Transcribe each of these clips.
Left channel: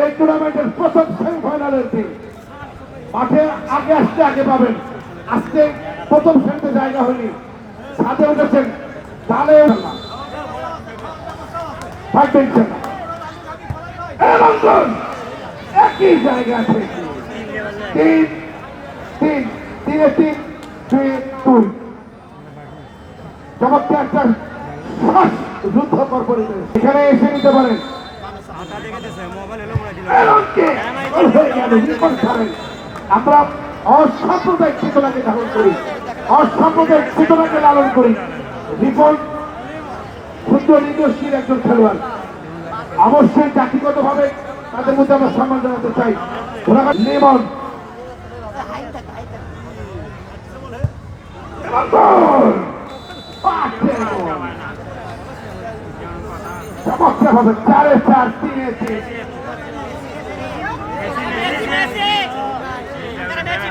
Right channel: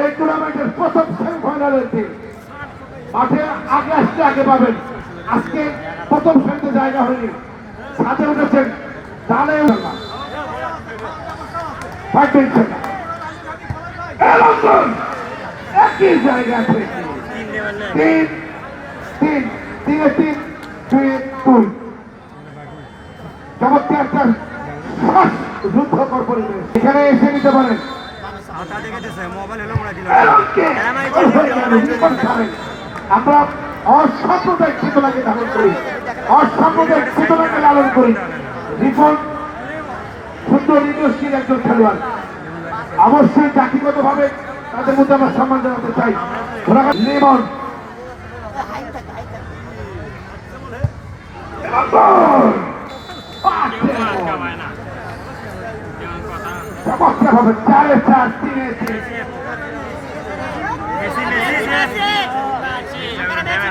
এই টুর্নামেন্টের প্রথম সেমিফাইনালের দিন। মাঠে আগে আসতে আগে পাবেন। আজকে প্রথম শ্রেণীতে জায়গা হয়নি। সাথে উঠেছেন ডালে দুই একই জায়গা থেকে তিন তিন, তিনে দুই দুই। চমৎকার যুদ্ধ কর পরিবেশ এখানে এসে নিতে পারেন। ওই হয়ে গেল, রিপন ছাড়েন। আমরা অসাম্প্রদায়িক চেতনাকে ধারণ করি। অসাম্প্রদায়িক চেতনাকে লালন করি। রিপন সুন্দর ইন্ডাস্ট্রির একজন খেলোয়াড়। অবশ্যই জাতিগত ভাবে তাদের মধ্যে আমরা সম্মান জানাতে চাই। লিমন চমৎকারভাবে চারে চার তিনে তিন এবছর এবছর মেসে লিওনেল মেসি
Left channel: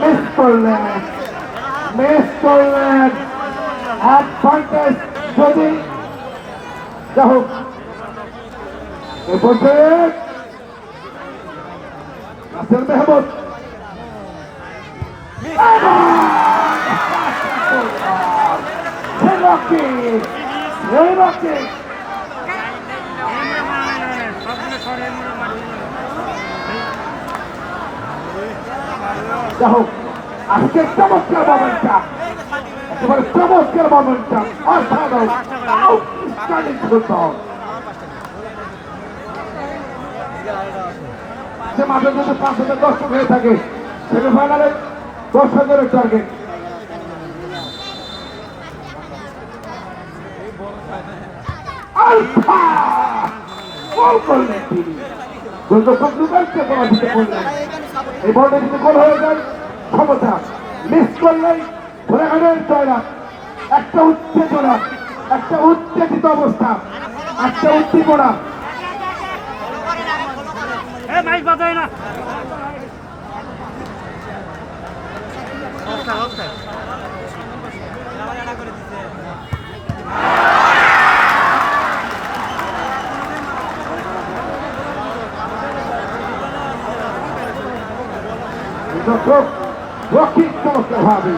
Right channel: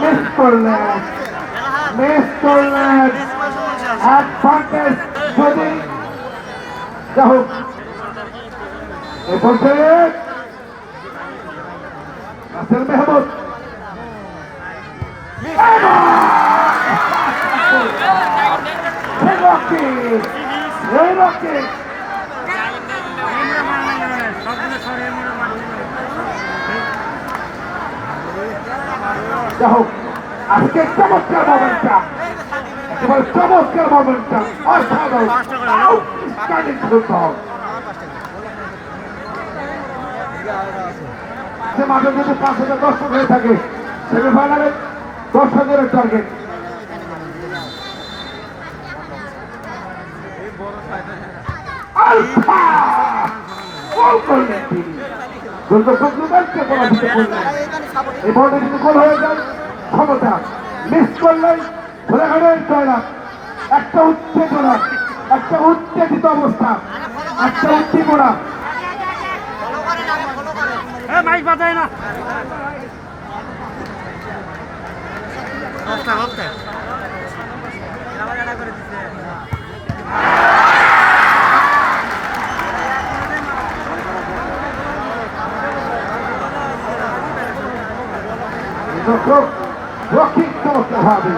মিস করলেন মিস করলেন অ্যাডভান্টেজ যদি যা হোক নাসির মেহমুদ সেই রকি সেই রকি যা হোক। আজকে চমৎকার মোমেন্টটা একেবারে চমৎকার মোমেন্টটা অসাধারণ। আউটস্ট্যান্ডিং ফুটবল সে মাঠে যদি পাঁচ হাজার দর্শক হয়ে থাকে সেমিফাইনালে দশ টার্গেট এই বলটা যদি হয়ে যায় ক্ষমতা মিস করলেই ধরে গেলেন জয়লাভ একটা উত্তেজনা একটা উত্তেজিত অবস্থা একটা উত্তেজনা মাইক বাজায় না। দর্শক রক্ষিত চমৎকার ভাবে